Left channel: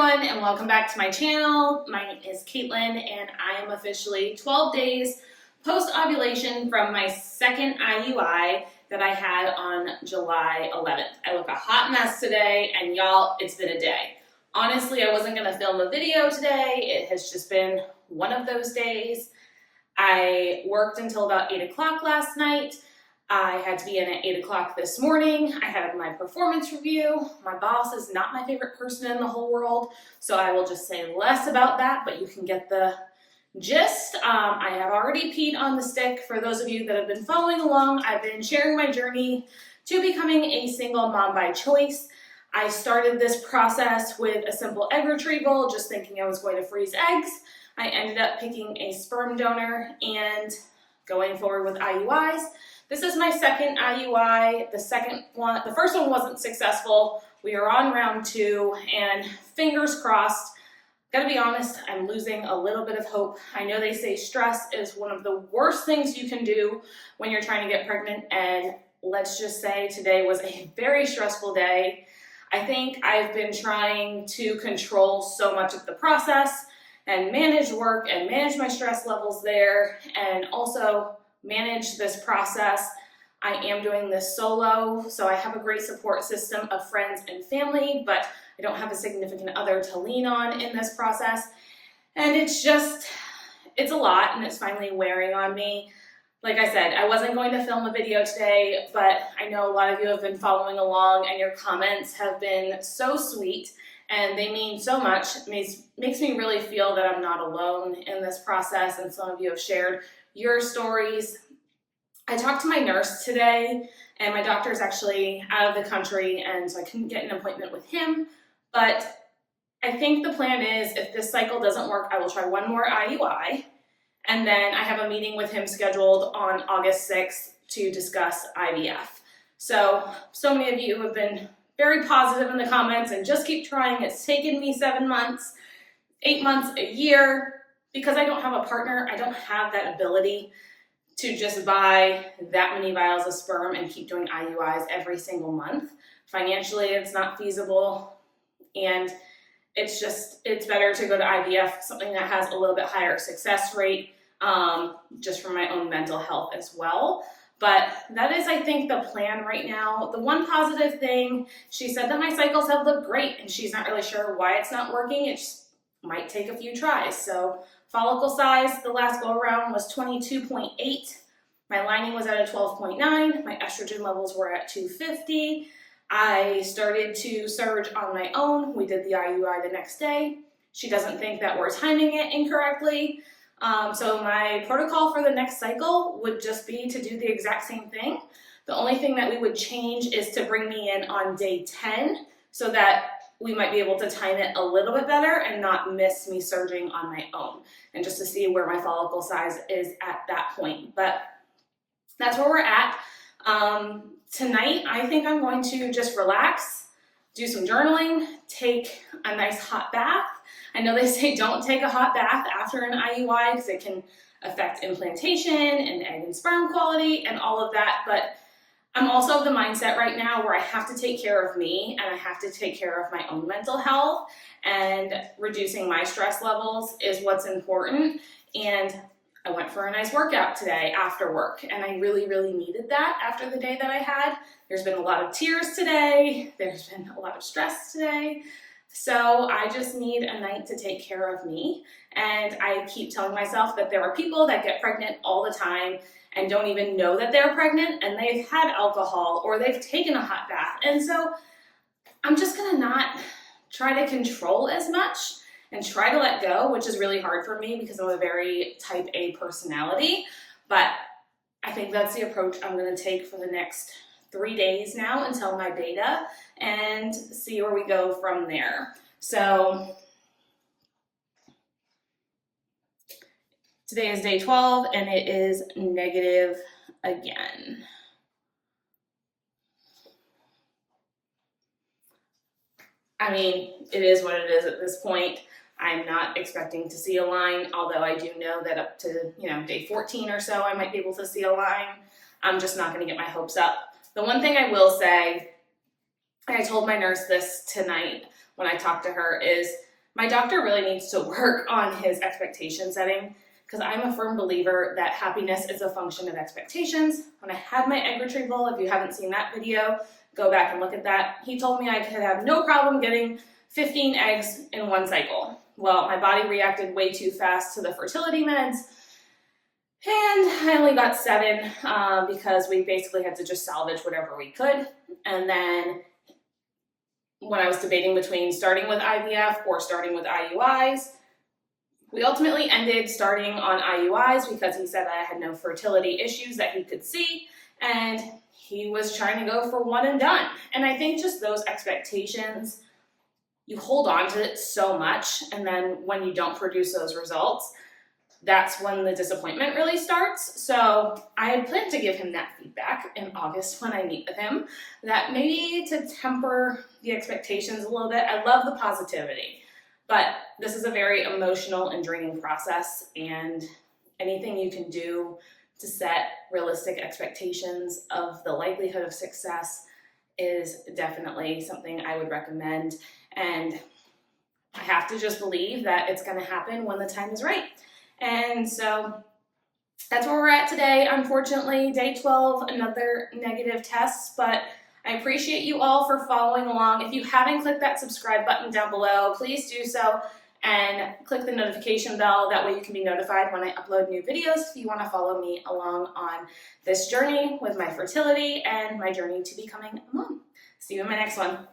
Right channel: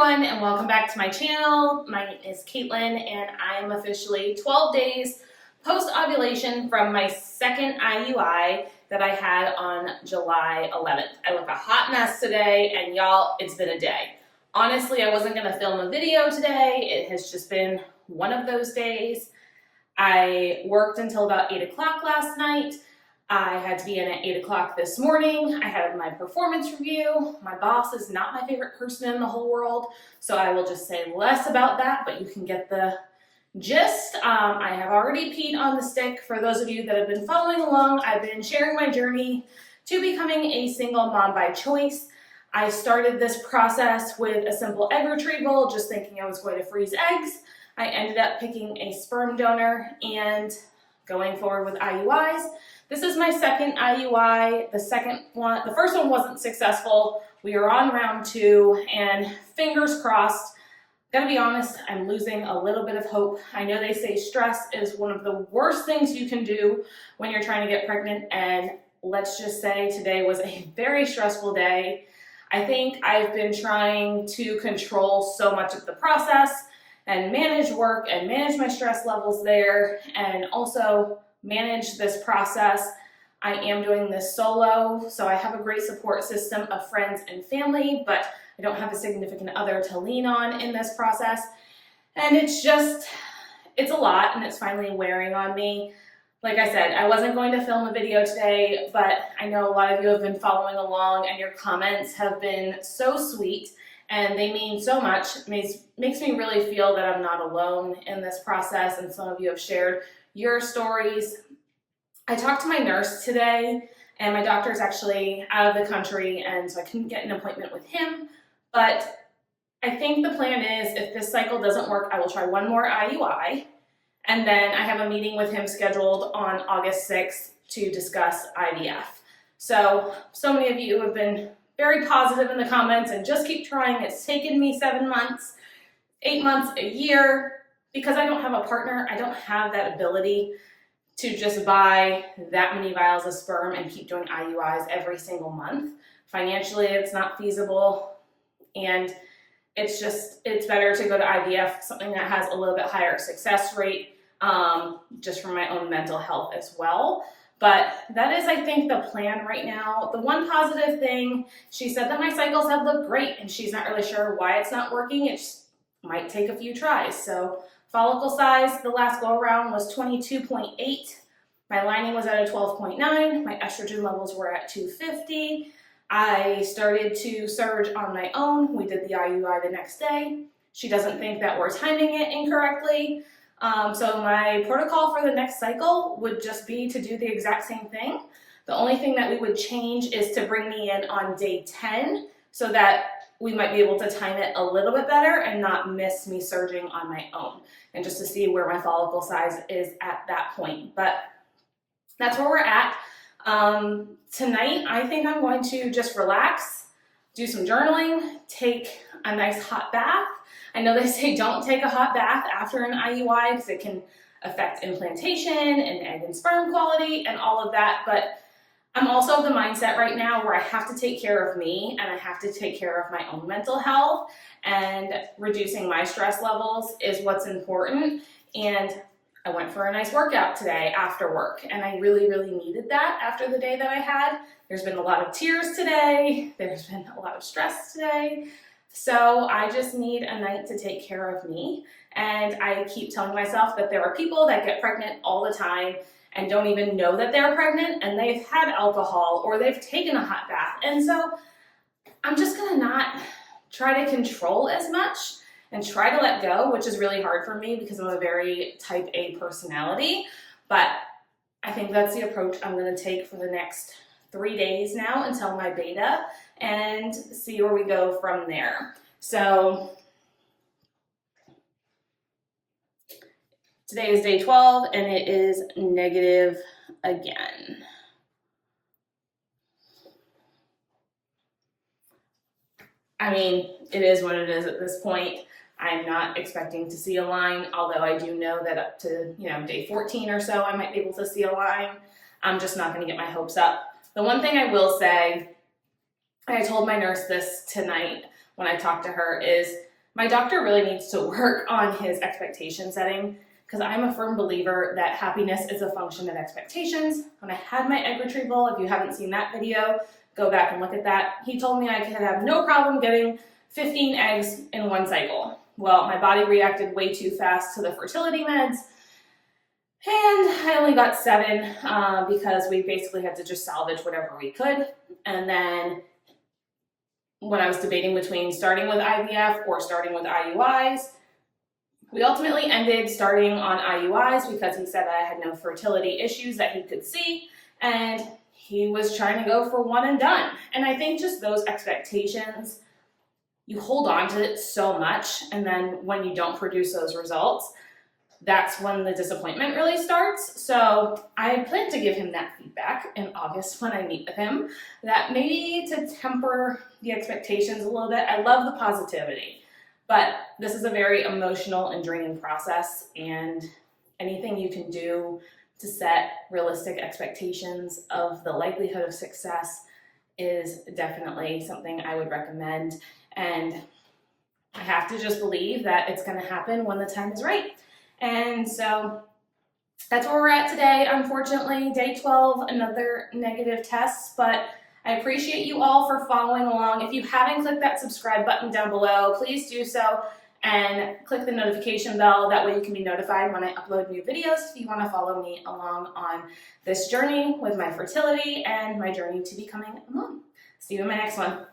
everyone, and welcome back to my channel. My name is Kaitlyn, and I am officially 12 days post-ovulation from my second IUI that I had on July 11th. I look a hot mess today, and y'all, it's been a day. Honestly, I wasn't going to film a video today. It has just been one of those days. I worked until about 8 o'clock last night. I had to be in at 8 o'clock this morning. I had my performance review. My boss is not my favorite person in the whole world, so I will just say less about that, but you can get the gist. I have already peed on the stick. For those of you that have been following along, I've been sharing my journey to becoming a single mom by choice. I started this process with a simple egg retrieval, just thinking I was going to freeze eggs. I ended up picking a sperm donor and going forward with IUIs. This is my second IUI. The first one wasn't successful. We are on round 2, and fingers crossed. Gotta be honest, I'm losing a little bit of hope. I know they say stress is one of the worst things you can do when you're trying to get pregnant, and let's just say today was a very stressful day. I think I've been trying to control so much of the process and manage work and manage my stress levels there, and also manage this process. I am doing this solo, so I have a great support system of friends and family, but I don't have a significant other to lean on in this process. And it's a lot, and it's finally wearing on me. Like I said, I wasn't going to film a video today, but I know a lot of you have been following along, and your comments have been so sweet, and they mean so much. It makes me really feel that I'm not alone in this process, and some of you have shared your stories. I talked to my nurse today, and my doctor is actually out of the country, and so I couldn't get an appointment with him. But I think the plan is, if this cycle doesn't work, I will try one more IUI, and then I have a meeting with him scheduled on August 6th to discuss IVF. So many of you have been very positive in the comments, and just keep trying. It's taken me 7 months, 8 months, a year. Because I don't have a partner, I don't have that ability to just buy that many vials of sperm and keep doing IUIs every single month. Financially, it's not feasible, and it's better to go to IVF, something that has a little bit higher success rate, just for my own mental health as well. But that is, I think, the plan right now. The one positive thing, she said that my cycles have looked great, and she's not really sure why it's not working. It just might take a few tries. So follicle size, the last go around was 22.8. My lining was at a 12.9. My estrogen levels were at 250. I started to surge on my own. We did the IUI the next day. She doesn't think that we're timing it incorrectly. So my protocol for the next cycle would just be to do the exact same thing. The only thing that we would change is to bring me in on day 10 so that we might be able to time it a little bit better and not miss me surging on my own, and just to see where my follicle size is at that point. But that's where we're at. Tonight, I think I'm going to just relax, do some journaling, take a nice hot bath. I know they say don't take a hot bath after an IUI because it can affect implantation and egg and sperm quality and all of that, but I'm also of the mindset right now where I have to take care of me, and I have to take care of my own mental health, and reducing my stress levels is what's important. And I went for a nice workout today after work, and I really, really needed that after the day that I had. There's been a lot of tears today. There's been a lot of stress today. So I just need a night to take care of me. And I keep telling myself that there are people that get pregnant all the time and don't even know that they're pregnant, and they've had alcohol or they've taken a hot bath. And so I'm just gonna not try to control as much and try to let go, which is really hard for me because I'm a very type A personality. But I think that's the approach I'm gonna take for the next 3 days now until my beta, and see where we go from there. So today is day 12, and it is negative again. I mean, it is what it is at this point. I'm not expecting to see a line, although I do know that up to, day 14 or so, I might be able to see a line. I'm just not going to get my hopes up. The one thing I will say, and I told my nurse this tonight when I talked to her, is My doctor really needs to work on his expectation setting because I'm a firm believer that happiness is a function of expectations. When I had my egg retrieval, if you haven't seen that video, go back and look at that. He told me I could have no problem getting 15 eggs in one cycle. Well, my body reacted way too fast to the fertility meds, and I only got 7 because we basically had to just salvage whatever we could. And then when I was debating between starting with IVF or starting with IUIs, we ultimately ended starting on IUIs because he said I had no fertility issues that he could see, and he was trying to go for one and done. And I think just those expectations, you hold on to it so much, and then when you don't produce those results, that's when the disappointment really starts. So I plan to give him that feedback in August when I meet with him, that maybe to temper the expectations a little bit. I love the positivity, but this is a very emotional and draining process, and anything you can do to set realistic expectations of the likelihood of success is definitely something I would recommend. And I have to just believe that it's going to happen when the time is right. And so that's where we're at today. Unfortunately, day 12, another negative test, but I appreciate you all for following along. If you haven't clicked that subscribe button down below, please do so, and click the notification bell. That way you can be notified when I upload new videos if you want to follow me along on this journey with my fertility and my journey to becoming a mom. See you in my next one.